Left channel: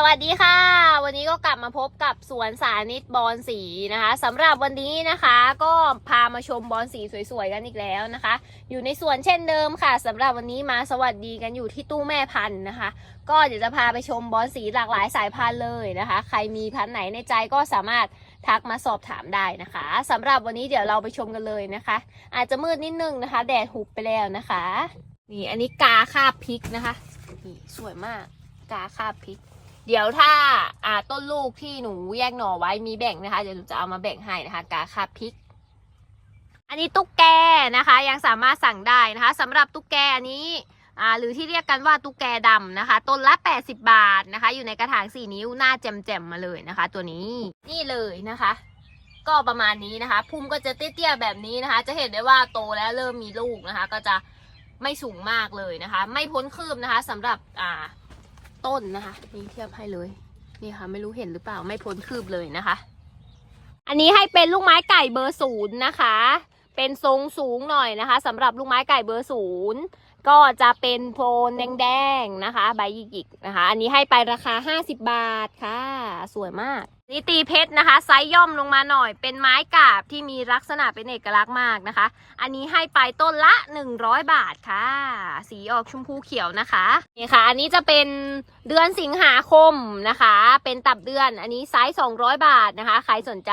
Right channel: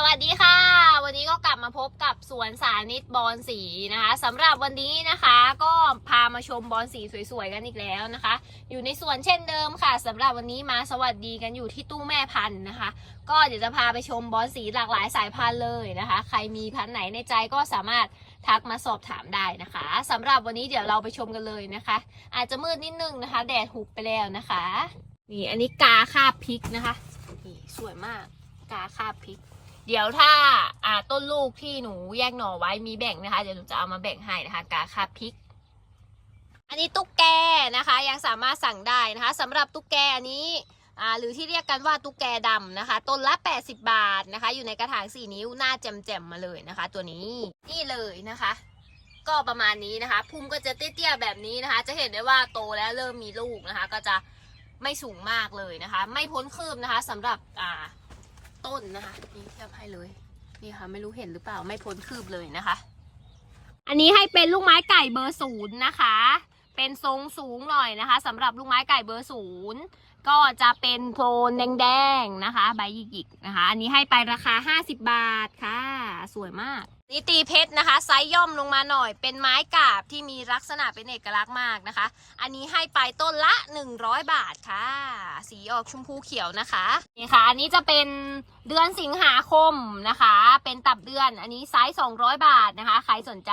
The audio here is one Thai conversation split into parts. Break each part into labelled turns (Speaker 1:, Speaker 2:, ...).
Speaker 1: สวัสดีค่ะ วันนี้ก็กลับมาพบกับสวนสานิตบอลสีนะคะสำหรับวันนี้นะคะก็พามาชมบอลสีสวยๆกันอีกแล้วนะคะ อยู่ในสวนเช่นเดิมค่ะสำหรับวันนี้มาสวัสดีกันอยู่ที่ตู้แม่พันธุ์นะคะ ก็เดี๋ยวจะพาไปชมบอลสีหลากหลายสายพันธุ์เลยนะคะ ใครมีพันธุ์ไหนในใจก็สามารถทักมาสอบถามได้นะคะสำหรับวันนี้เดี๋ยวเราไปชมกันเลยนะคะ อาจจะมืดนิดนึงนะคะ แดดหุบไปแล้วนะคะนี่อันนี้กาคาบพริกนะคะนี่สวยมากกาคาบพริก เดี๋ยวถ้าอ่าต้นลูกที่หนูแยกหน่อไว้มีแบ่งนะคะ เดี๋ยวหนูจะเอามาแบ่งให้นะคะกาคาพริก อันนี้ตุ๊กแกนะคะ ยังสามารถสั่งได้นะคะสำหรับตุ๊กแกอันนี้อ่าหรือที่เรียกกันว่าตุ๊กแกดำนะคะ ต้นละ 80 บาทนะคะ อยู่ในกระถาง 4 นิ้วหน้าแจ่มๆมาเลยนะคะ ตัวนี้นี่เลยนะคะ ก็ประมาณนี้นะคะพุ่มก็จะเตี้ยๆแบบนี้นะคะ จะเห็นได้ว่าโตแล้วเริ่มมีลูกนะคะ ก็จะไม่สูงมากเลยนะคะ ไม่พ้นคืบนะคะสำหรับอ่า ต้นนะคะ นี่เทียบให้เลย นี่ค่ะ ไม่รู้เห็นหรือเปล่าไม่พ้นคืบเลยนะคะ อันนี้ให้เป็นลูกไม้ไก่เบอร์ศูนย์นะคะ เป็นทรงสูงหน่อยนะคะสำหรับลูกไม้ไก่เบอร์ศูนย์ ก็จะเป็นโทนแดงๆนะคะ ใบหยิกๆนะคะ อันนี้ให้ไปราคา 50 บาทค่ะ สวยมากนี่ตีเพชรนะคะ ไซส์ย่อมลงมาหน่อย เป็นไม้กาบที่มีลักษณะเป็นเอกลักษณ์มากนะคะ อันนี้ให้ไปต้นละ 100 บาทค่ะ สีออกชมพูเขียวนะคะนี่ค่ะ อันนี้จะเป็นเดือนสิงหาคมนะคะ เป็นตับเดือน อันนี้ไซส์200 บาทนะคะ ใครสนใจ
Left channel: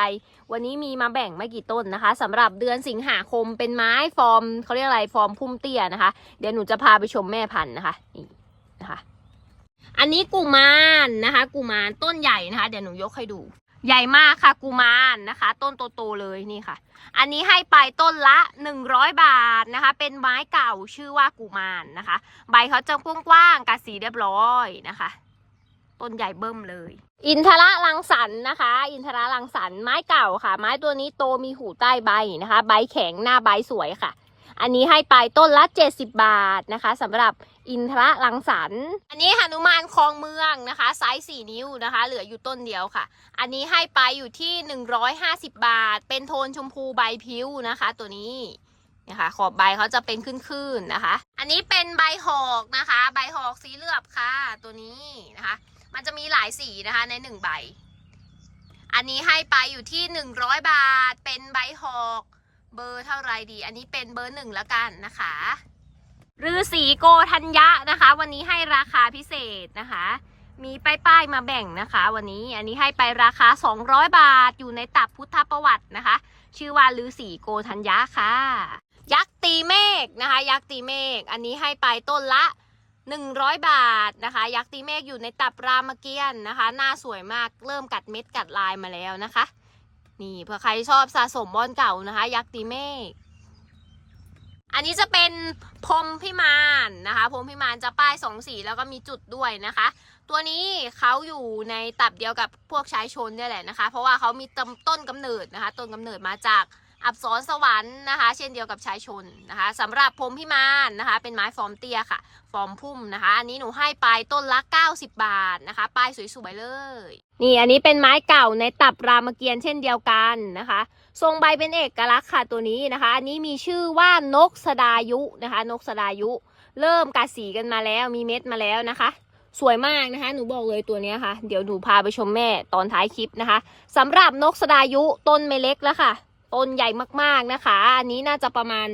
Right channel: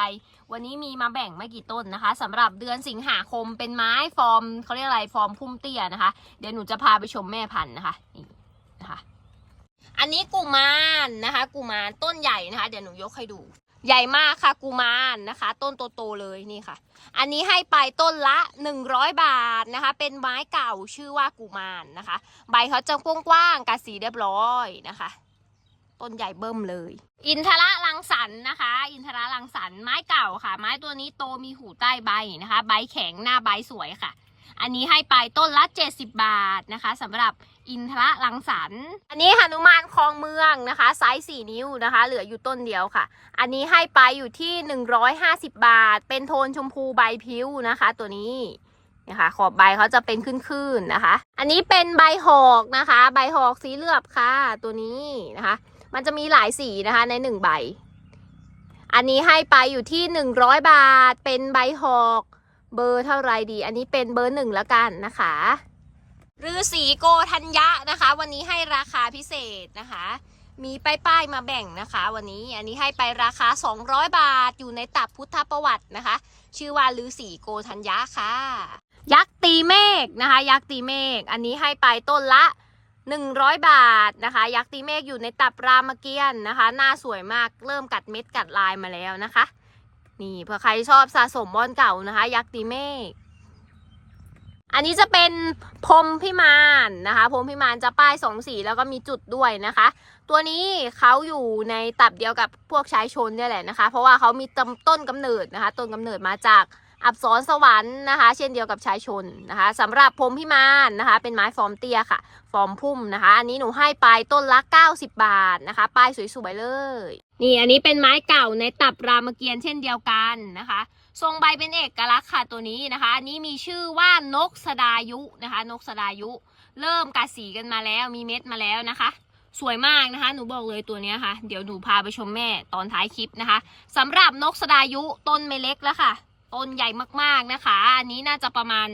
Speaker 1: วันนี้มีมาแบ่งไม่กี่ต้นนะคะสำหรับเดือนสิงหาคมเป็นไม้ฟอร์มเขาเรียกอะไรฟอร์มพุ่มเตี้ยนะคะ เดี๋ยวหนูจะพาไปชมแม่พันธุ์นะคะนี่นะคะอันนี้กุมารนะคะ กุมารต้นใหญ่นะคะ เดี๋ยวหนูยกให้ดู ใหญ่มากค่ะกุมารนะคะ ต้นโตๆเลยนี่ค่ะ อันนี้ให้ไปต้นละ100บาทนะคะ เป็นไม้เก่าชื่อว่ากุมารนะคะ ใบเขาจะกว้างๆกัดสีเรียบร้อยนะคะ ต้นใหญ่เบิ่มเลย อินทระลังสรรค์นะคะ อินทระลังสรรค์ไม้เก่าค่ะ ไม้ตัวนี้โตมีหูใต้ใบนะคะ ใบแข็งหน้าใบสวยค่ะ อันนี้ให้ไปต้นละ 70 บาทนะคะสำหรับอินทระลังสรรค์อันนี้หนุมานคลองเมืองนะคะไซส์4นิ้วนะคะ เหลืออยู่ต้นเดียวค่ะ อันนี้ให้ไปอยู่ที่ 150 บาท เป็นโทนชมพูใบพิ้วนะคะ ตัวนี้นะคะขอบใบเขาจะเป็นขึ้นๆนะคะ อันนี้เป็นใบหอกนะคะ ใบหอกสีเหลือบค่ะ ตัวนี้นะคะ มันจะมีหลายสีนะคะในหนึ่งใบ อันนี้ให้ไปอยู่ที่หนึ่งร้อยบาท เป็นใบหอกเบอร์เท่าไรดี อันนี้เป็นเบอร์หนึ่งแล้วกันนะคะฤาษีโกธัญญะนะคะ วันนี้ให้ราคาพิเศษนะคะ มีป้ายป้ายๆมาแบ่งนะคะ วันนี้อันนี้ให้ไปราคา 200 บาทอยู่ในตับพุทธประวัตินะคะ ชื่อว่าฤาษีโกธัญญะค่ะ ยักษ์ตีเมฆนะคะ ยักษ์ตีเมฆอันนี้ให้ไปต้นละ 100 บาทนะคะ ยักษ์ตีเมฆอยู่ในตับรามเกียรติ์นะคะ หน้าสวยมากเริ่มกัดเม็ดกัดลายมาแล้วนะคะ นี่เผื่อใครชอบสะสมบอลเก่านะคะ ยักษ์ตีเมฆอันนี้จะเป็นพรมพิมานนะคะ พรมพิมานจะป้ายสองสีแล้วก็มีจุดด้วยนะคะ ตัวนี้เขาอยู่ในตับเดียวกับพวกชายชนเนี่ยแหละนะคะ เพราะว่าเขามีต้นต้นกำเนิดนะคะ ต้นกำเนิดมาจาก อับสรสวรรค์นะคะ เช่นเดียวกับชายชนนะคะสำหรับพรมพิมานนะคะ เป็นไม้ฟอร์มเตี้ยค่ะ ฟอร์มพุ่มนะคะ อันนี้หนูให้ไปต้นละ 90 บาทนะคะ ป้ายสวยๆเลย นี่อันนี้เป็นไม้เก่าในตับรามเกียรติ์เช่นเดียวกันนะคะ ทรงใบเป็นเอกลักษณ์ค่ะตัวนี้นะคะ อันนี้มีชื่อว่านกสดายุนะคะ นกสดายุ เริ่มกัดสีกันมาแล้วมีเม็ดมาแล้วนะคะสวยมากนะคะ หนูบอกเลยตัวนี้ค่ะ เดี๋ยวหนูพาไปชมแม่ตอนท้ายคลิปนะคะสำหรับนกสดายุต้นไม่เล็กแล้วค่ะ ต้นใหญ่มากๆนะคะ อันนี้น่าจะประมาณ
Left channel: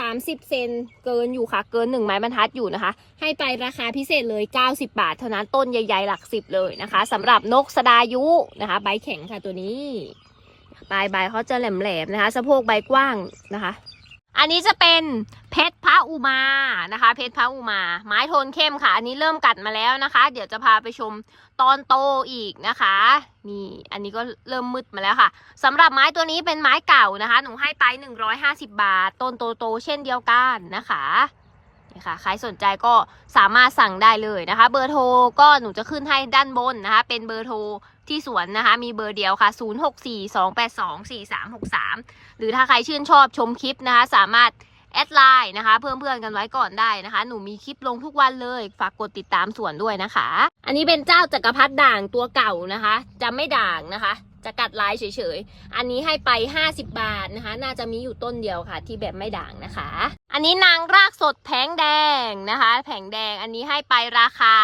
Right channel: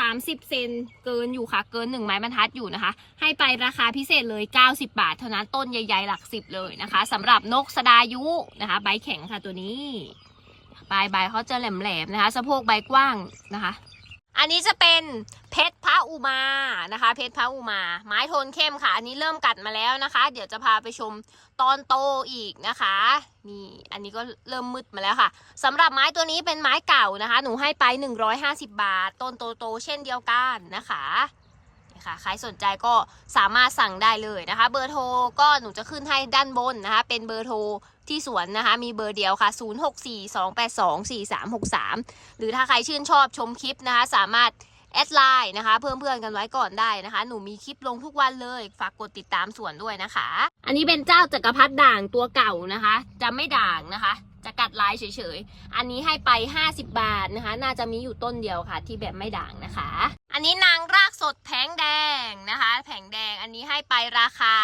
Speaker 1: 30 เซนเกินอยู่ค่ะ เกิน 1 ไม้บรรทัดอยู่นะคะ ให้ไปราคาพิเศษเลย 90 บาท เท่านั้นต้นใหญ่ๆหลักสิบเลยนะคะสำหรับนกสดายุนะคะ ใบแข็งค่ะตัวนี้ปลายใบเขาจะแหลมๆนะคะสะโพกใบกว้างนะคะ อันนี้จะเป็นเพชรพระอุมานะคะ เพชรพระอุมา ไม้โทนเข้มค่ะ อันนี้เริ่มกัดมาแล้วนะคะ เดี๋ยวจะพาไปชม ตอนโตอีกนะคะนี่อันนี้ก็เริ่มมืดมาแล้วค่ะสำหรับไม้ตัวนี้เป็นไม้เก่านะคะ หนูให้ไป 150 บาท ต้นโตๆเช่นเดียวกันนะคะนี่ค่ะใครสนใจก็สามารถสั่งได้เลยนะคะ เบอร์โทรก็หนูจะขึ้นให้ด้านบนนะคะ เป็นเบอร์โทรที่สวนนะคะ มีเบอร์เดียวค่ะ 0642824363 หรือถ้าใครชื่นชอบชมคลิปนะคะ สามารถ อดไลน์นะคะ เพิ่มเพื่อนกันไว้ก่อนได้นะคะ หนูมีคลิปลงทุกวันเลยฝากกดติดตามสวนด้วยนะคะ อันนี้เป็นเจ้าจักรพรรดิด่างตัวเก่านะคะ จะไม่ด่างนะคะ จะกัดลายเฉยๆ อันนี้ให้ไป 50 บาทนะคะ น่าจะมีอยู่ต้นเดียวค่ะ ที่แบบไม่ด่างนะคะ อันนี้นางรากสดแผงแดงนะคะ แผงแดงอันนี้ให้ไปราคา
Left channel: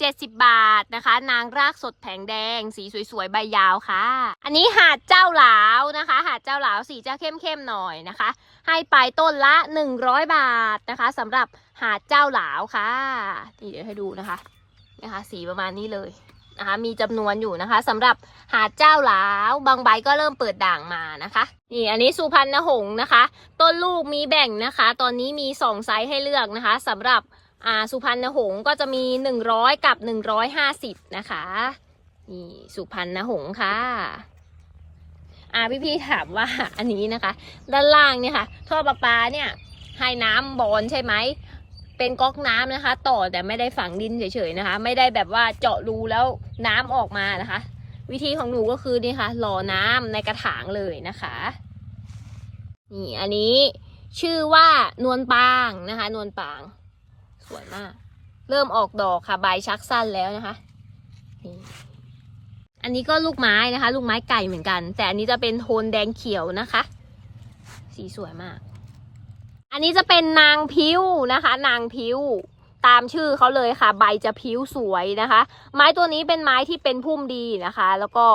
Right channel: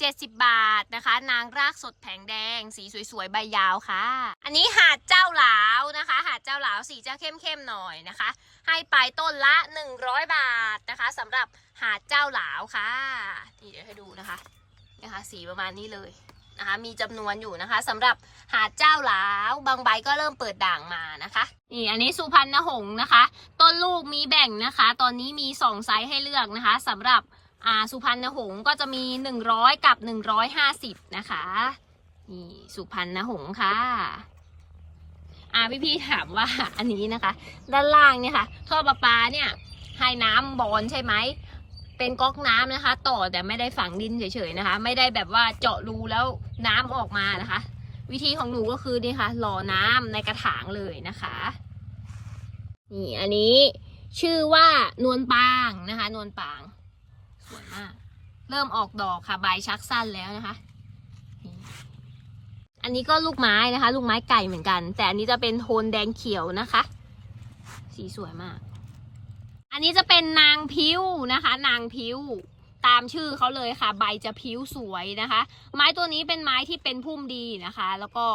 Speaker 1: 70 บาทนะคะ นางรากสดแผงแดง สีสวยๆ ใบยาวค่ะ อันนี้หาดเจ้าหลาวนะคะ หาดเจ้าหลาวสีจะเข้มๆหน่อยนะคะ ให้ไปต้นละ 100 บาทนะคะสำหรับหาดเจ้าหลาวค่ะนี่เดี๋ยวให้ดูนะคะนะคะ สีประมาณนี้เลยนะคะมีจำนวนอยู่นะคะสำหรับหาดเจ้าหลาวบางใบก็เริ่มเปิดด่างมานะคะนี่อันนี้สุพรรณหงส์นะคะ ต้นลูกมีแบ่งนะคะ ตอนนี้มีสองไซส์ให้เลือกนะคะสำหรับ อ่าสุพรรณหงส์ก็จะมี 100 กับ 150 นะคะนี่สุพรรณหงส์ค่ะอ่าพี่ๆถามว่าอันนี้นะคะ ด้านล่างเนี่ยค่ะท่อประปาเนี่ยให้น้ำบอลใช่ไหมเป็นก๊อกน้ำนะคะ ต่อแต่ไม่ได้ฝังดินเฉยๆนะคะ ไม่ได้แบบว่าเจาะรูแล้วน้ำออกมานะคะ วิธีของหนูก็คือนี่ค่ะหล่อน้ำในกระถางเลยนะคะนี่อันนี้ชื่อว่านวลปางนะคะ นวลปาง สวยมาก เริ่มออกดอกค่ะใบชักสั้นแล้วนะคะ อันนี้ก็ลูกไม้นะคะ ลูกไม้ไก่เหมือนกัน แต่อันนี้จะเป็นโทนแดงเขียวนะคะ สีสวยมาก อันนี้จะเป็นนางพิ้วนะคะ นางพิ้วตามชื่อเขาเลยค่ะ ใบจะพิ้วสวยนะคะ ไม้ตัวนี้เป็นไม้ที่เป็นพุ่มดีนะคะ แล้วก็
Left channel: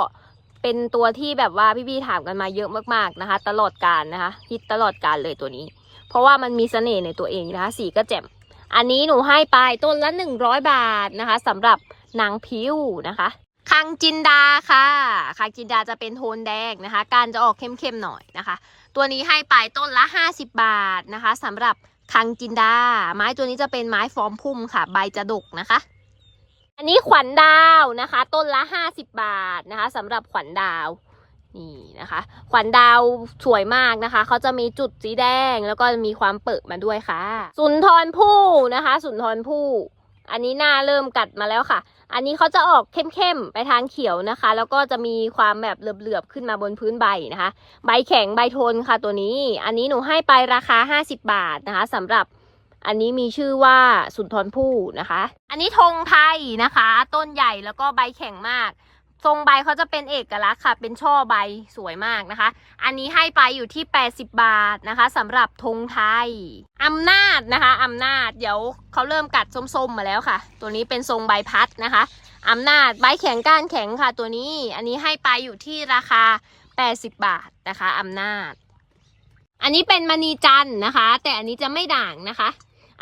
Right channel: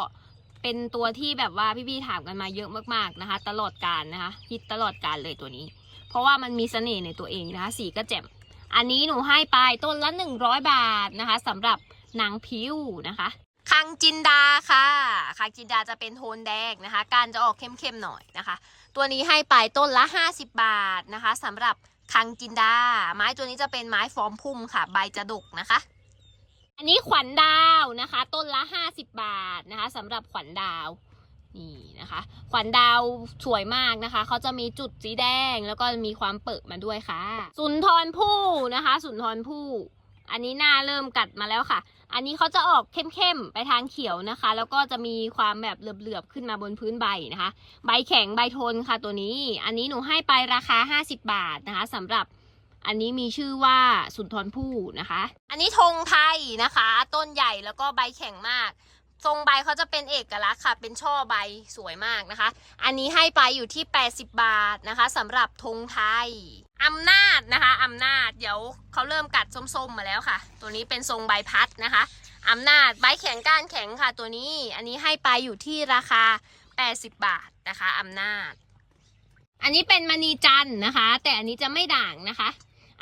Speaker 1: เป็นตัวที่แบบว่าพี่ๆถามกันมาเยอะมากๆนะคะ ตลอดการนะคะฮิตตลอดการเลยตัวนี้ เพราะว่ามันมีเสน่ห์ในตัวเองนะคะ สีก็แจ่ม อันนี้หนูให้ไปต้นละหนึ่งร้อยบาทนะคะสำหรับนางพิ้วนะคะคังจินดาค่ะคังจินดาจะเป็นโทนแดงนะคะ การจะออกเข้มๆหน่อยนะคะ ตัวนี้ให้ไปต้นละ 50 บาทนะคะสำหรับคังจินดา ไม้ตัวนี้จะเป็นไม้ฟอร์มพุ่มค่ะ ใบจะดกนะคะ อันนี้ขวัญดาวนะคะ ต้นละ 50 บาทนะคะสำหรับขวัญดาว นี่นะคะ ขวัญดาวสวยมากนะคะ เขาจะมีจุดสีแดงแล้วก็มีความเปิดมาด้วยค่ะ สุนทรภู่นะคะ สุนทรภู่อันนี้หน้าเริ่มกัดมาแล้วค่ะ อันนี้เขาจะออกเข้มๆไปทางเขียวนะคะ แล้วก็จะมีความแบบเหลือบๆขึ้นมาบนพื้นใบนะคะ ใบแข็งใบทนค่ะตัวนี้ อันนี้หนูให้ไปราคา 50 บาทนะคะสำหรับอันนี้มีชื่อว่าสุนทรภู่นะคะ อันนี้ธงไทยนะคะ ต้นใหญ่แล้วก็ใบแข็งมาก ทรงใบเขาจะเป็นเอกลักษณ์ค่ะ เป็นช่อใบสวยมากนะคะ อันนี้ให้ไปอยู่ที่ 80 บาทนะคะสำหรับธงไทยอำนาจนะคะอำนาจเดี๋ยวเขาเริ่มกัดส้มๆมาแล้วค่ะ ตัวนี้เป็นทรงใบพัดนะคะอำนาจใบแข็งก้านแข็งค่ะ ตัวนี้อันนี้ให้ไปอยู่ที่ราคา 80 บาทนะคะอำนาจ อันนี้เป็นมณีจันนะคะ แต่อันนี้จะไม่ด่างนะคะ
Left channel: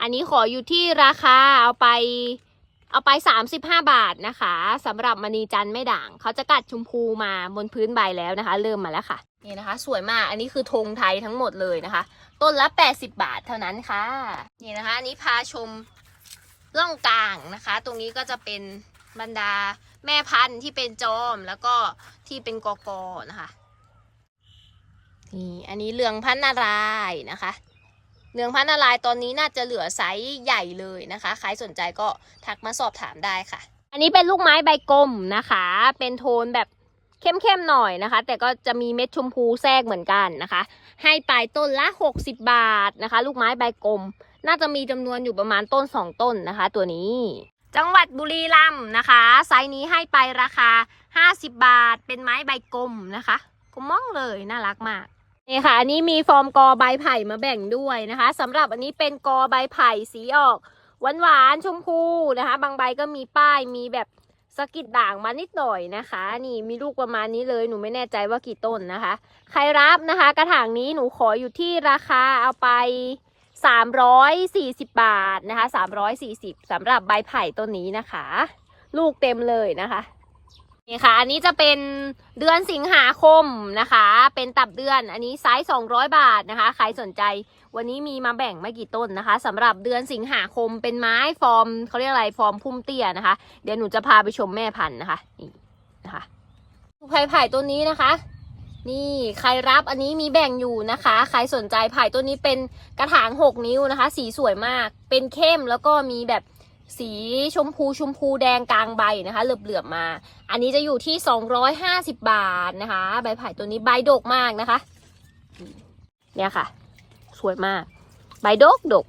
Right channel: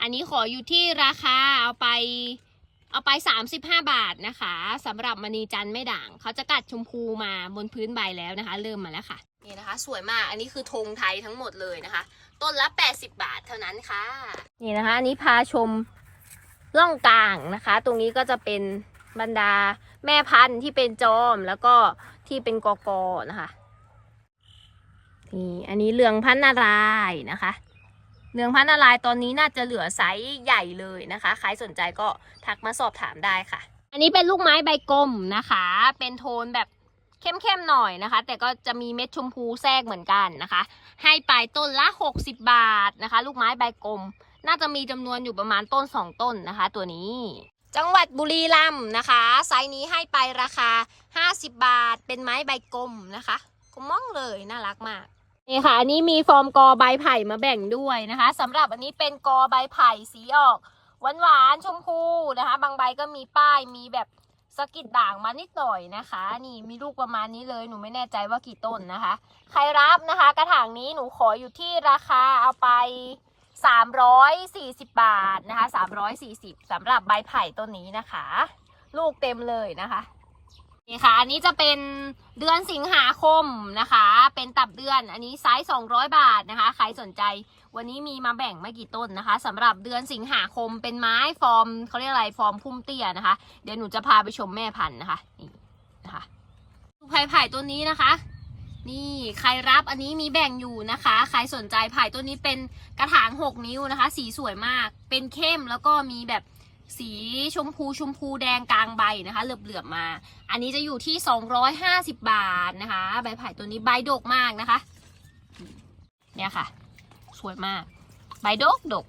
Speaker 1: อันนี้ขออยู่ที่ราคาเอาไป เอาไป 35 บาทนะคะสำหรับมณีจันไม่ด่าง เขาจะกัดชมพูมาบนพื้นใบแล้วนะคะ เริ่มมาแล้วค่ะ นี่นะคะ สวยมากอันนี้คือธงไทยทั้งหมดเลยนะคะ ต้นละ 80 บาทเท่านั้นค่ะ นี่นะคะอันนี้พาชมร่องกลางนะคะ ตรงนี้ก็จะเป็นบรรดาแม่พันธุ์ที่เป็นจอมแล้วก็ที่เป็นกอกอนะคะนี่อันนี้เรืองพันนารายนะคะ เรืองพันนารายณ์ตอนนี้น่าจะเหลือไซส์ใหญ่เลยนะคะ ใครสนใจก็ทักมาสอบถามได้ค่ะ อันนี้เป็นลูกไม้ใบกลมนะคะ เป็นโทนแบบเข้มๆหน่อยนะคะ แต่ก็จะมีเม็ดชมพูแทรกเหมือนกันนะคะ ให้ไปต้นละ 60 บาทนะคะ ลูกไม้ใบกลม น่าจะมีจำนวนอยู่ประมาณต้น 2 ต้นนะคะ ตัวนี้ จังหวัดบุรีรัมย์นะคะ ไซส์นี้ให้ไปราคา 50 บาท เป็นไม้ใบกลมนะคะกลมมองเลยน่ารักมาก นี่ค่ะ อันนี้มีฟอร์มกอใบไผ่มาแบ่งด้วยนะคะสำหรับอันนี้เป็นกอใบไผ่สีออกหวานหวานชมพูนะคะ บางใบก็มีป้ายมีแบบสะกิดด่างมานิดหน่อยนะคะ นี่มีลูกประมาณนี้เลยหนูไม่แน่ใจว่ากี่ต้นนะคะ ใครรับนะคะ กระถางนี้หนูขออยู่ที่ราคาเอาไป 340 บาทนะคะ 340สำหรับใบไผ่ต้นนี้นะคะ ลูกเต็มเลยนะคะ นี่ค่ะ อันนี้จะเป็นเดือนสิงหาคมนะคะ เป็นตับเดือน อันนี้ไซส์200 บาทนะคะ ใครสนใจ วันนี้มีมาแบ่งไม่กี่ต้นนะคะสำหรับเดือนสิงหาคมเป็นไม้ฟอร์มเขาเรียกอะไรฟอร์มพุ่มเตี้ยนะคะ เดี๋ยวหนูจะพาไปชมแม่พันธุ์นะคะนี่นะคะไผ่ไผ่ต้นนี้นะคะ นี่ใครรับอันนี้มีแบ่งอยู่นะคะ ใครสนใจไผ่ต้นนี้เป็นกระถาง 6 นิ้วนะคะ สีสวยมาก เป็นเข้มแล้วก็มีแบบ สีชมพูชมพูแดงกลางใบนะคะเหลือบๆมา อันนี้จะอยู่ที่ 250 บาทนะคะ ใบไผ่ตัวนี้ใบดกมากนะคะ เนี่ยค่ะ สวยมาก ใบดกดก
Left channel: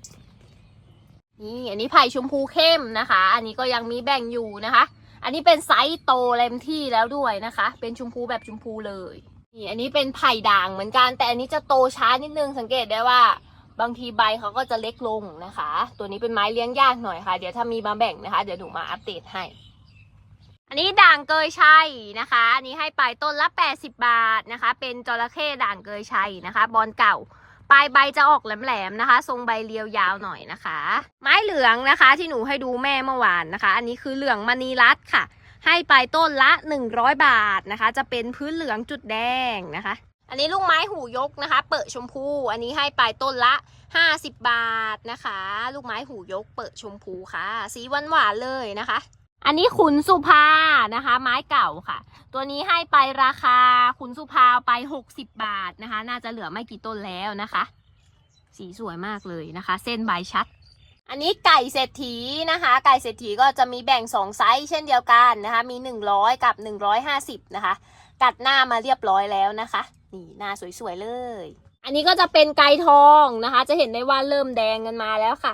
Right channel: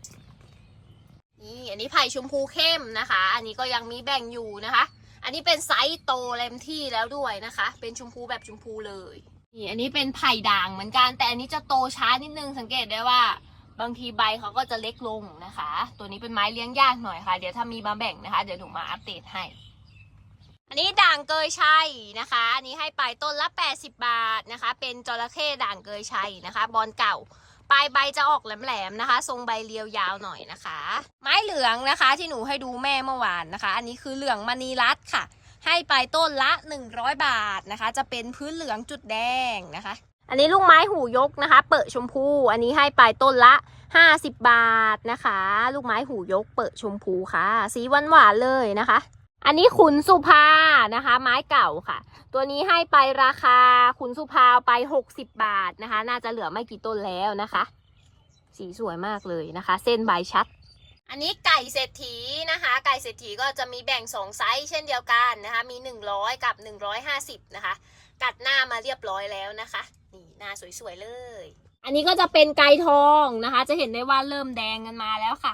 Speaker 1: นี่อันนี้ไผ่ชมพูเข้มนะคะ อันนี้ก็ยังมีแบ่งอยู่นะคะ อันนี้เป็นไซส์โตเต็มที่แล้วด้วยนะคะ เป็นชมพูแบบชมพูเลยนี่อันนี้เป็นไผ่ด่างเหมือนกัน แต่อันนี้จะโตช้านิดนึงสังเกตได้ว่า บางทีใบเขาก็จะเล็กลงนะคะ ตัวนี้เป็นไม้เลี้ยงยากหน่อยค่ะ เดี๋ยวถ้ามีมาแบ่งนะคะ เดี๋ยวหนูมาอัปเดตให้ อันนี้ด่างเกยชัยนะคะ อันนี้ให้ไปต้นละ 80 บาทนะคะ เป็นจระเข้ด่างเกยชัยนะคะ บอลเก่าปลายใบจะออกแหลมๆนะคะ ทรงใบเรียวยาวหน่อยนะคะ ไม้เหลืองนะคะที่หนูให้ดูแม่เมื่อวานนะคะ อันนี้คือเหลืองมณีรัตค่ะ ให้ไปต้นละ 100 บาทนะคะ จะเป็นพื้นเหลืองจุดแดงนะคะ อันนี้ลูกไม้หูยกนะคะ เปิดชมพู อันนี้ให้ไปต้นละ 50 บาทนะคะ ลูกไม้หูยก เปิดชมพูค่ะ สีหวานหวานเลยนะคะ อันนี้ขุนสุภานะคะ ไม้เก่าค่ะ ตัวนี้ให้ไปราคาขุนสุภาเอาไป 60 บาทนะคะ น่าจะเหลือไม่กี่ต้นแล้วนะคะ สีสวยมากเลยนะคะ เส้นใบชัดอันนี้ไก่เศรษฐีนะคะ ไก่เศรษฐีก็จะมีแบ่งสองไซส์เช่นเดียวกันนะคะ มี 100 กับ 150 นะคะ กัดหน้ามาเรียบร้อยแล้วนะคะ นี่หน้าสวยๆเลย อันนี้ก็จะเป็นไก่ทองนะคะ จะเห็นได้ว่าเริ่มแดงกันมาแล้วค่ะ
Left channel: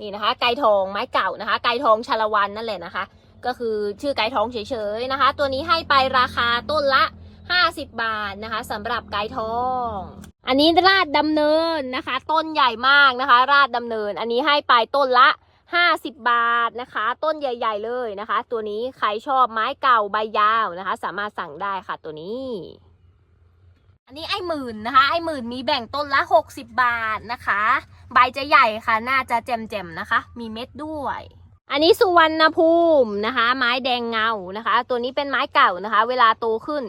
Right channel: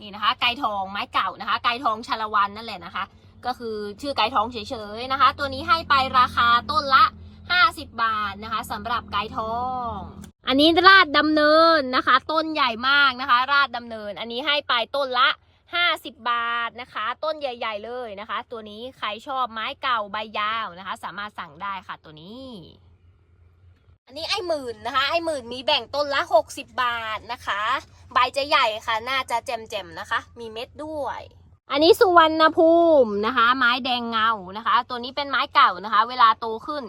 Speaker 1: นี่นะคะ ไก่ทองไม้เก่านะคะ ไก่ทองชาละวันนั่นแหละนะคะ ก็คือชื่อไก่ทองเฉยๆนะคะ ตัวนี้ให้ไปราคาต้นละ 50 บาทนะคะสำหรับไก่ทอง อันนี้ราดดำเนินนะคะ ต้นใหญ่มากนะคะ ราดดำเนิน อันนี้ให้ไปต้นละ50 บาทนะคะ ต้นใหญ่ ๆ เลยนะคะ ตัวนี้ใครชอบไม้เก่าใบยาวนะคะ สามารถสั่งได้ค่ะตัวนี้ อันนี้ไอ้หมื่นนะคะ ไอ้หมื่นมีแบ่งต้นละ 60 บาทนะคะ ใบจะใหญ่ค่ะ น่าจะแจ่มๆนะคะ มีเม็ดด้วย อันนี้สุวรรณภูมินะคะ ไม้แดงเงานะคะ ตัวนี้เป็นไม้เก่านะคะ เวลาโตขึ้น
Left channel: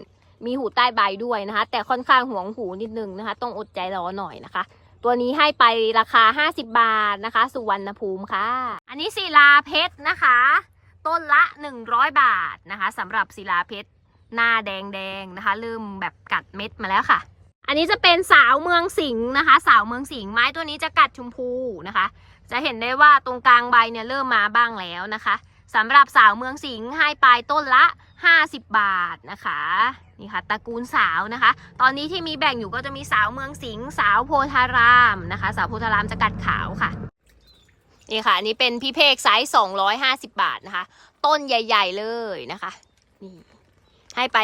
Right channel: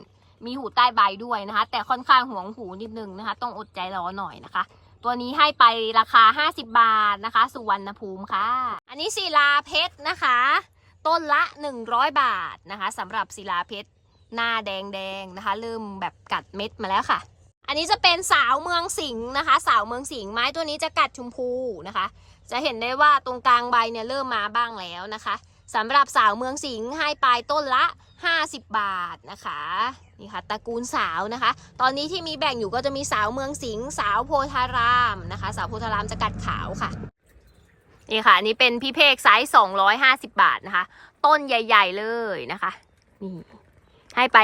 Speaker 1: มีหูใต้ใบด้วยนะคะ แต่ค่อนข้างห่วงหูนิดนึงนะคะ ต้องอดใจรอหน่อยนะคะ ตัวนี้ให้ไปราคา 50 บาทนะคะ สุวรรณภูมิค่ะ อันนี้ศิลาเพชรนะคะ ต้นละ 100 บาทนะคะสำหรับศิลาเพชร หน้าแดงๆนะคะ เริ่มแบบกัดเม็ดมาแล้วค่ะ อันนี้จะเป็นสาวเมืองสิงห์นะคะ สาวเมืองสิงห์ไม้ตัวนี้จะกัดชมพูนะคะ จะเห็นได้ว่าตรงกลางใบเนี่ยเริ่มมาบ้างแล้วนะคะสำหรับสาวเมืองสิงห์ให้ปลายต้นละ 50 บาทนะคะนี่ค่ะตระกูลสาวนะคะ ตอนนี้ที่มีแบ่งอยู่ก็จะมีสาวเมืองสิงห์สาวโพธารามนะคะ สาวโพธารามจะกัดขาวค่ะนี่ค่ะอันนี้เป็นพี่เพกไซส์250 บาทนะคะ ต้นใหญ่ ๆเลยนะคะนี่ ให้ไป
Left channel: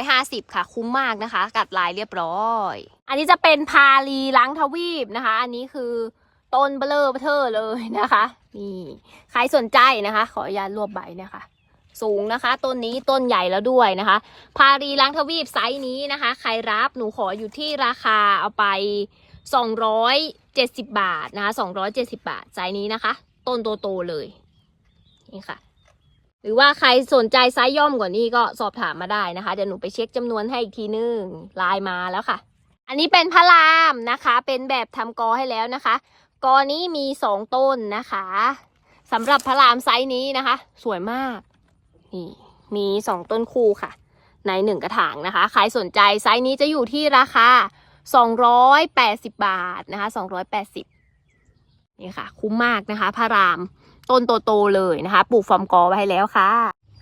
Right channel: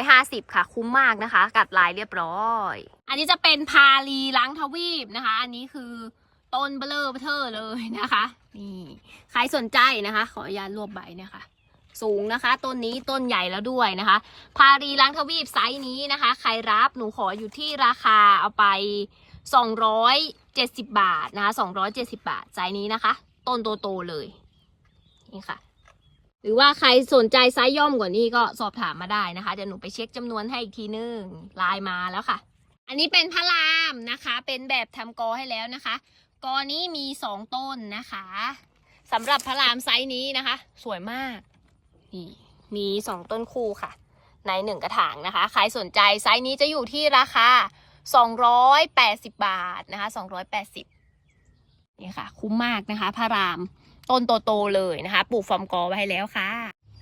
Speaker 1: 250 ค่ะ คุ้มมากนะคะ กัดลายเรียบร้อย อันนี้จะเป็นพาลีล้างทวีปนะคะ อันนี้คือต้นเบลอเบอเทอร์เลยนะคะ นี่ ใครสนใจนะคะ ขออนุญาตรวบใบนะคะ สูงนะคะ ต้นนี้ต้นใหญ่แล้วด้วยนะคะ พารีล้างทวีปไซส์นี้นะคะ ใครรับหนูขออยู่ที่ราคาเอาไป 270 บาทนะคะ270 บาทไซส์นี้นะคะ ต้นโตๆเลย นี่ค่ะ หรือว่าใครสนใจไซส์ย่อมกว่านี้ก็สอบถามมาได้นะคะเดี๋ยวหนูไปเช็คจำนวนให้อีกทีนึงไลน์มาแล้วค่ะ อันนี้เป็นพระรามนะคะ เป็นแบบทำกอให้แล้วนะคะกอนี้มีสองต้นนะคะสำหรับพระรามไซส์นี้นะคะ สวยมากนี่มีสองต้นคู่ค่ะ ในหนึ่งกระถางนะคะใครสนใจไซส์นี้จะอยู่ที่ราคา280บาทนะคะ280นี่ค่ะ คุ้มมากนะคะ พระราม ต้นโตๆเลยนะคะ ปลูกฟอร์มกอไว้แล้วค่ะ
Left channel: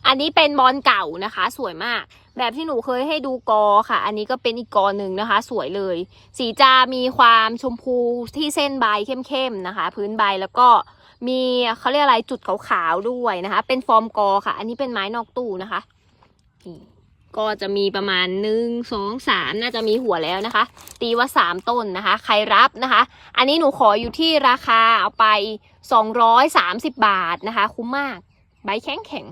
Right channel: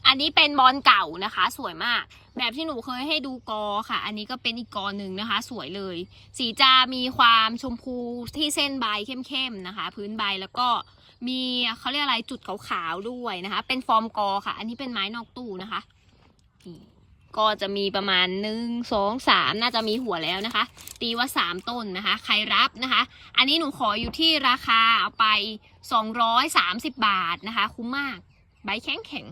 Speaker 1: อันนี้เป็นบอลเก่านะคะ สวยมาก แบบที่หนูเคยให้ดูกอค่ะ อันนี้ก็เป็นอีกกอหนึ่งนะคะ สวยเลย สีจะมีความชมพูที่เส้นใบเข้มๆนะคะ พื้นใบแล้วก็มีเขาเรียกอะไรจุดขาวๆด้วยนะคะ เป็นฟอร์มกอค่ะ อันนี้เป็นไม้นอกตู้นะคะนี่ ก็จะมีประมาณหนึ่งสองสามน่าจะมีหัวแล้วนะคะ ตีว่าสามต้นนะคะ ใครรับนะคะ อันนี้หนูขออยู่ที่ราคาเอาไปสองร้อยสามสิบบาทนะคะ คุ้มมาก ใบแข็งแข็ง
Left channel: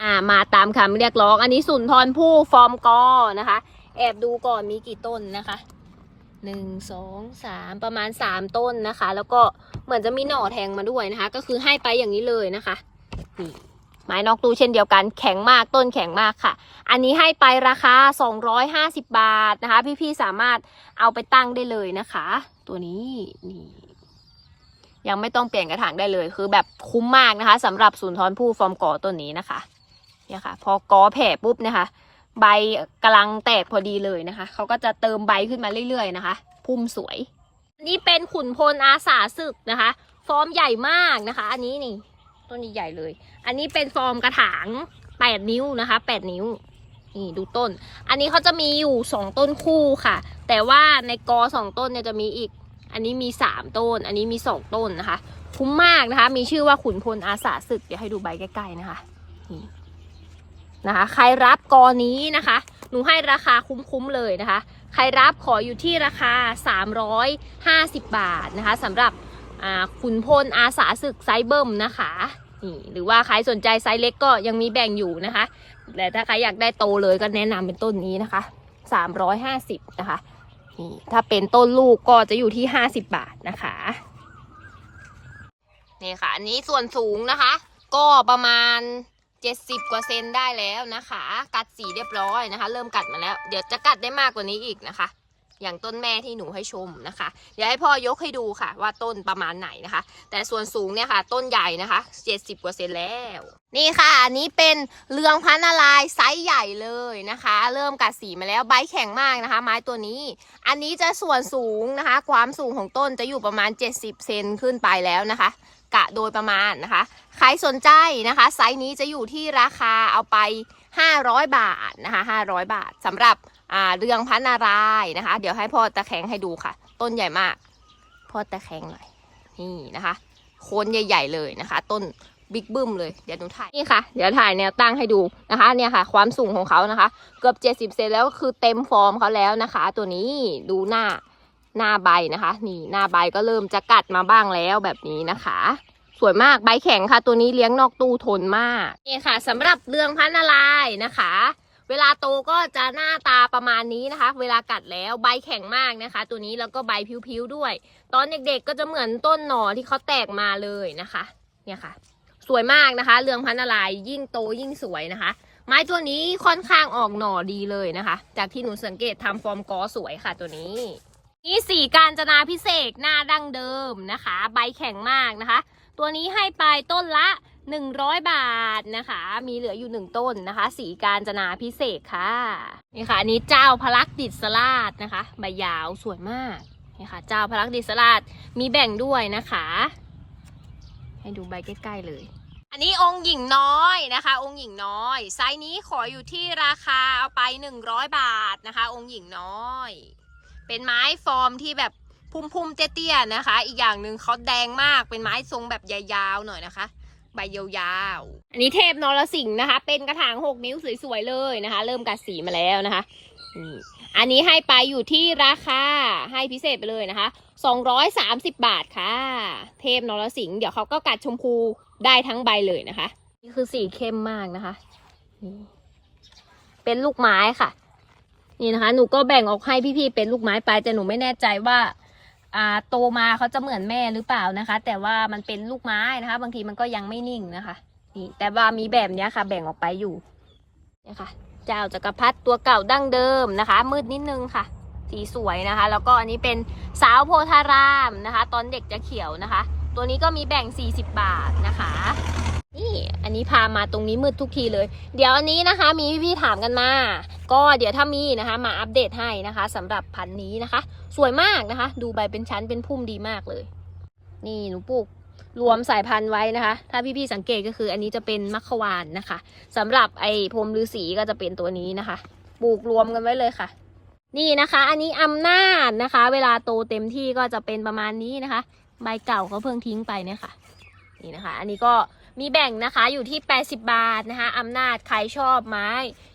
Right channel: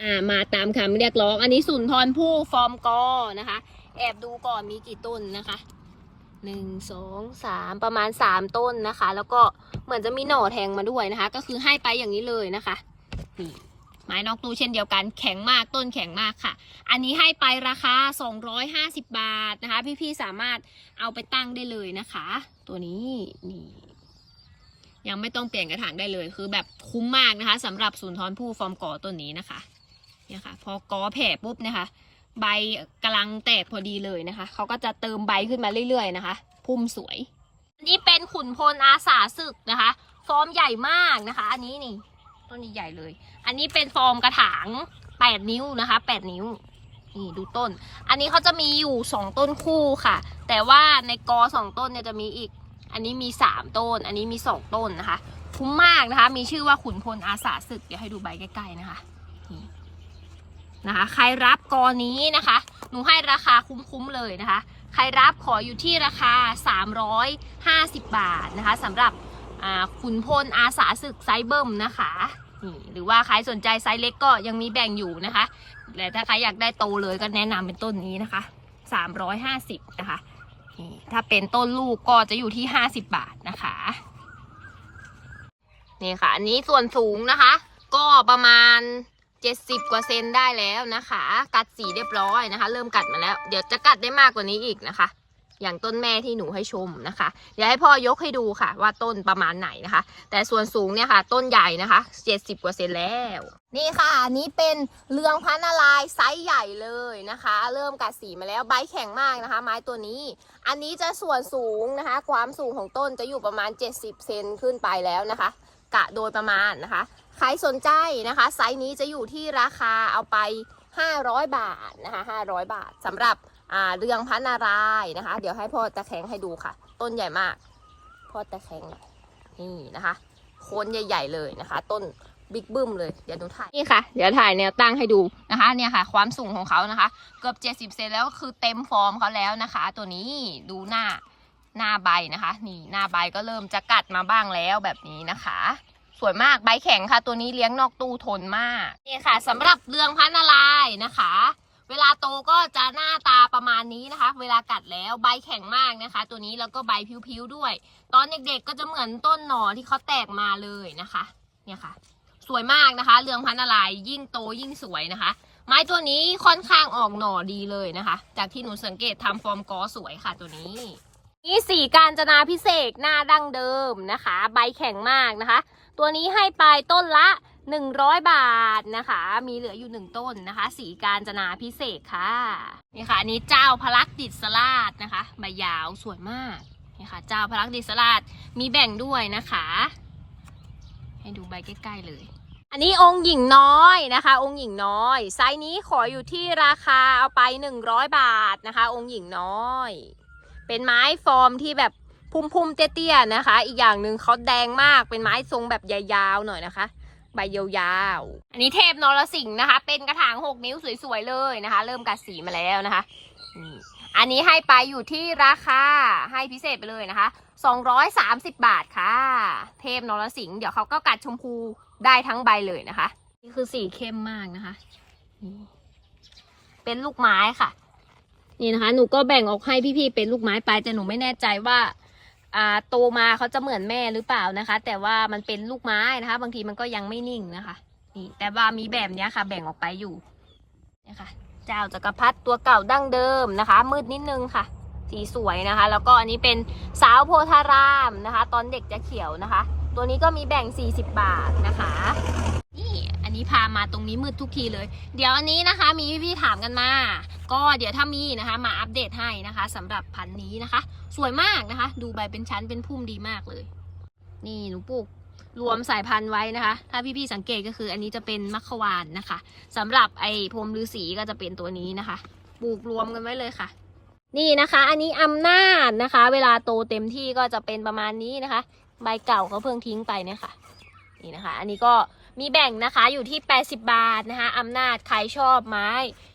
Speaker 1: อ่ามาตามคำเรียกร้อง อันนี้สุนทรผู้ฟอร์มกอนะคะ แอบดูก่อนมีกี่ต้นนะคะหนึ่งสองสามประมาณสามต้นนะคะ แล้วก็เหมือนจะมีหน่อแทงมาด้วยนะคะ ก็คือให้ไปอย่างนี้เลยนะคะนี่ ไม้นอกตู้เช่นเดียวกันแข็งมากต้นแข็งมากค่ะ อันนี้ให้ไปราคา 250 บาทนะคะ พี่ๆสามารถเอาไปตั้งได้เลยนะคะ ตัวนี้นี่ยังไม่ต้องเปลี่ยนกระถางได้เลยคือแบบคุ้มมากนะคะสำหรับศูนทอนผู้ฟอร์มกอต้นนี้นะคะเนี่ยค่ะ พอกอแผ่ปุ๊บนะคะ ใบกำลังแตกพอดีเลยนะคะเขาก็จะเติมใบขึ้นมาเรื่อยๆนะคะ พุ่มสวยนนี้เป็นขุนพลอาสาศึกนะคะ ฟอร์มใหญ่มากนะคะ อันนี้นี่ ต้นใหญ่เลย อันนี้เป็นฟอร์มกระถางแปดนิ้วนะคะแปดนิ้วนี่ดูต้น อันนี้เขาจะมีอยู่สองต้นคู่ค่ะ แต่ว่าในกอสองต้นเนี่ยจะมีอีก อันนี้มีสามต้น อันนี้มีสองต้นนะคะ คุ้มมากนะคะ มีชื่อว่าขุนพลอาสาศึก เดี๋ยวให้ดูใบใกล้ๆนะคะนี่นะคะ ใครรับกอนี้นะคะ หนูให้ราคาคุ้มๆเลยนะคะ ใครรับขออยู่ที่ราคา 350 บาทนะคะสำหรับ ขุนพลอาสาศึกไซเบิ่มนะคะหรือว่าใครสนใจไซส์เล็กก็ยังมีแบ่งอยู่นะคะแต่ถ้าใครอยากได้โตเลยก็แนะนำเป็นต้นนี้นะคะ350นะคะถ้าเป็นต้นลูกก็จะอยู่ที่ 50 บาทนะคะนี่ค่ะ อันนี้ส่วนสูงนะคะ ก็ประมาณ 70 กว่าเซนได้แล้วนะคะ กัดสีเรียบร้อยนะคะ เริ่มกัดมาแล้ว เดี๋ยวจะกัดได้มากกว่านี้อีกนะคะ อย่างต้นแม่ที่หนูให้ชมนะคะ เดี๋ยวให้พ่อยกให้ดูค่ะ ว่าต้นประมาณไหนนะคะ แต่ส่วนสูงเนี่ยค่ะ ต้นใหญ่นะคะ70กว่าเซนแล้ว นี่ค่ะอันนี้เป็นเรืองพันนาลายไซส์ใหญ่เลยนะคะ เริ่มกัดสีมาแล้วใบแข็งมากนะคะ ไม้ตัวนี้ อันนี้จะส่วนสูงนะคะ ความสูงของต้นจะอยู่ประมาณ 70เซนขึ้นไปแล้วนะคะ กะโดยประมาณนะคะ ใครสนใจนะคะ ไซส์นี้จะอยู่ที่ราคาเอาไป 500 บาทนะคะ 500 บาทสำหรับ อ่าเรืองพันนารายณ์นะคะ เดี๋ยวให้พ่อตะแคงให้ดูค่ะ ต้นใหญ่มาก พ่อตะแคงหน่อยนี่นะคะโคนใหญ่ ๆ เลยนะคะ ต้นบิ๊กบึ้มเลยเดี๋ยวหนูถ่ายนี่ค่ะ เดี๋ยวถ่ายแนวตั้งให้ดูนะคะ เนี่ยค่ะ ความสูงของเขานะคะ เกือบ 70เซนแล้วก็คือเต็มฟอร์มเขาแล้วนะคะ ตัวนี้ดูหน้าหน้าใบนะคะ นี่หน้าใบก็เริ่มจะกัดมาบ้างแล้วแบบนี้นะคะ สวยมากใบแข็งค่ะ ตัวนี้เลี้ยงนอกตู้ทนมากนี่ค่ะสำหรับเรืองพันนาลายณ์นะคะ เวลาโตก็จะหน้าตาประมาณนี้นะคะ เวลากัดแล้วใบแข็งมากนะคะ ตัวนี้แล้วก็ใบพิ้วๆด้วย ตอนเด็กๆก็จะเหมือนต้นหน่อที่เขาแตกมาเลยนะคะ เนี่ยค่ะ สวยมากนะคะ เรืองพันนาลายณ์ยิ่งโตยิ่งสวยนะคะ ไม้ตัวนี้ค่อนข้างออกหน่อดีเลยนะคะ จากที่หนูสังเกตทำฟอร์มกอสวยค่ะตัวนี้นี่สีการจนาพิเศษหน้าดั้งเดิมนะคะ ใบแข็งมากนะคะ ตัวนี้ให้ไปต้นละ 100 บาทนะคะ มีเหลืออยู่หนึ่งต้นนะคะ สีการจนาพิเศษค่ะ นี่ค่ะ อันนี้เจ้าพลักดิษราชนะคะ ใบยาวสวยมากนี่ค่ะ เจ้าพลักดิษราชมีแบ่งด้วยนะคะ ให้ดูใบใกล้ๆเลย อันนี้องค์หญิงน้อยนะคะ องค์หญิงน้อย ไซส์นี้ขออยู่ที่ราคาเอาไป 100 บาทนะคะ องค์หญิงน้อย เป็นไม้ฟอร์มที่แบบ พุ่มๆเตี้ยๆนะคะ อีกอย่างหนึ่งเขาแดงมากเป็นไม้ทรงแบบยาวๆหน่อยนะคะ ใบยาวๆอันนี้เทพนรสิงห์นะคะ เป็นกระถาง6นิ้วสวยๆเลยนะคะ เริ่มกัดสีมาแล้วนะคะอันนี้ให้ไปอยู่ที่ราคาให้พิเศษไปเลยนะคะ 230 บาทค่ะ เทพนรสิงห์เดี๋ยวเขาก็กัดชมพูได้ทั้งใบเลยนะคะนี่คือสีเข้มมากนะคะ เป็นลูกไม้ค่ะ นี่นะคะ หนูก็แบ่งออกให้พี่ๆเป็นลูกไม้ไปแต่หนูไม่แน่ใจว่า โตมาเขาจะเหมือนแม่หรือเปล่านะคะ แต่ว่ามันเป็นลูกไม้นะคะ บางทีมันก็ยังไม่นิ่งนะคะนี่แต่ว่ามีแบบเนี้ยค่ะ แบ่งออกไปอยู่นะคะเจ้าจักรพรรดิตัวเก่าดั้งเดิมนะคะ มืดนิดนึงค่ะ สีสวยนะคะ แล้วก็อันนี้เป็นสาวโพธารามนะคะ ตอนเด็กจะเขียวนะคะ ตัวนี้ก็มีแบ่ง 40 บาทนะคะ นี่อันนี้พามาตรงนี้มืดทุกทีเลย เดี๋ยวอันนี้นะคะ มีพี่ๆถามกันมา ก็เดี๋ยวถ้ามีนะคะ มาอัปเดตให้นะคะสำหรับพันธุ์นี้นะคะ สวยมากนะคะ ดูใบเป็นชั้นเป็นพุ่มดีมากเลย นี่หนูปลูกรวมสายพันธุ์ไว้นะคะ ถ้าพี่ๆสังเกตก็คืออันนี้จะเป็นมัคควานนะคะสำหรับไอ้พรมฤาษีก็จะเป็นตัวนี้นะคะ ปลูกรวมกันไว้เลยค่ะ นี่นะคะ อันนี้อำนาจนะคะ เวลาโตเต็มที่ก็จะเป็นประมาณนี้นะคะ ใบเก่าเขาเพิ่งทิ้งไปเนี่ยค่ะนี่นะคะ อันนี้ก็ มีแบ่งนะคะอยู่ที่ 80 บาทนะคะอำนาจใครชอบไม้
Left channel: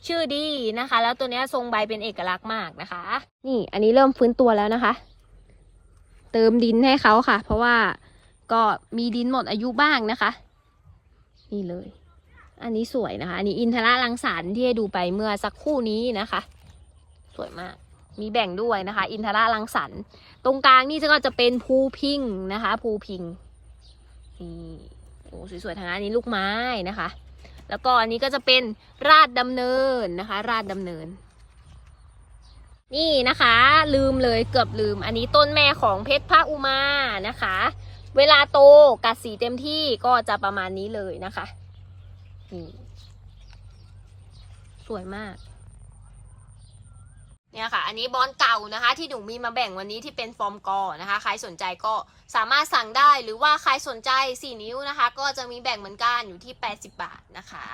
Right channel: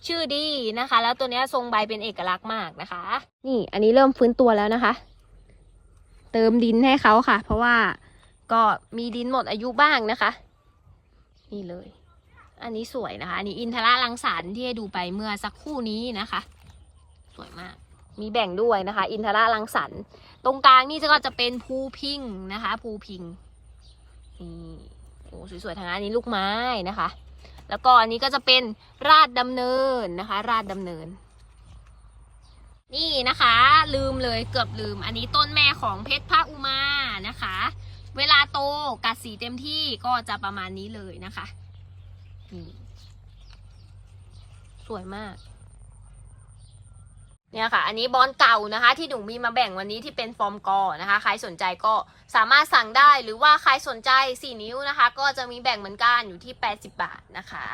Speaker 1: ชื่อดีนะคะ แล้วตัวเนี้ยทรงใบเป็นเอกลักษณ์มากนะคะนี่อันนี้เริ่มฟื้นตัวแล้วนะคะ เติมดินให้เขาค่ะ เพราะว่าก็มีดินหมดอายุบ้างนะคะ นี่เลย อันนี้สวยนะคะ อันนี้อินทราลังสารที่ให้ดูไปเมื่อสักครู่นี้นะคะ สวยมาก มีแบ่งด้วยนะคะ อินทราลังสรรค์ตรงกลางนี่ก็จะเป็นภูพิงนะคะ ภูพิงอืม โอ้สวยๆทางนั้นนี้ลูกไม้นะคะ แล้วก็อันนี้ก็จะเป็นราดดำเนินนะคะ ราดดำเนิน นี่นะคะ ลืมเลยเกือบลืม อันนี้ต้นแม่ของเพชรพระอุมานะคะ เวลาโตกัดสีเต็มที่ก็จะประมาณนี้เลยนะคะนี่สวยมาก เนี่ยค่ะ อันนี้บอลเก่านะคะ ที่หนูมีมาแบ่งวันนี้ที่เป็นฟอร์มกอนะคะ ใครสนใจก็สามารถสั่งได้หรือว่าใครสนใจ 4 นิ้วนะคะ ก็จะมีแบ่งเหมือนกันอยู่ที่ 80 บาทนะคะ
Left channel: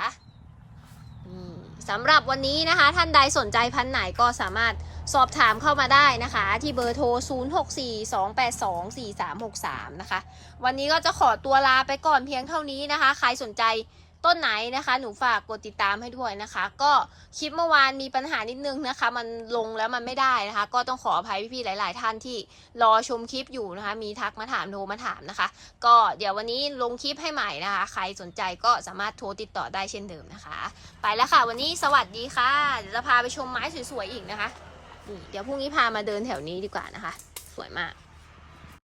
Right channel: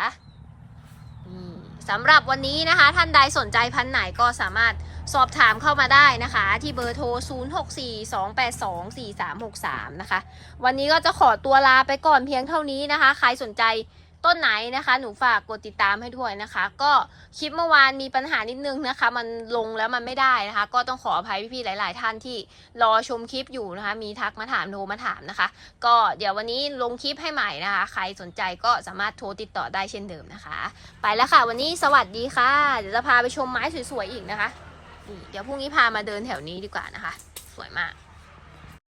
Speaker 1: สำหรับวันนี้นะคะ ท่านใดสนใจพันไหนก็สามารถสอบถามเข้ามาได้นะคะ ที่เบอร์โทร 0642824363 นะคะ วันนี้ก็จะขอตัวลาไปก่อนเพียงเท่านี้นะคะ ใครสนใจ ต้นไหนนะคะ หนูฝากกดติดตามให้ด้วยนะคะ ก็คลิปเมื่อวานมีปัญหานิดนึงนะคะ มันลงแล้วมันไม่ได้นะคะ ก็ต้องขออภัยพี่ๆหลาย ๆ ท่านที่รอชมคลิปอยู่นะคะ มีทักมาถามโทรมาถามนะคะ ก็เดี๋ยววันนี้ลงคลิปให้ใหม่นะคะ ใครสนใจก็สามารถโทรติดต่อได้เช่นเดิมนะคะ ไปแล้วค่ะ วันนี้สวัสดีค่ะเดี๋ยวจะพาไปชมไม้สวยๆอีกนะคะเดี๋ยวพรุ่งนี้พามาเดินแถวนี้ดีกว่านะคะ สวยมาก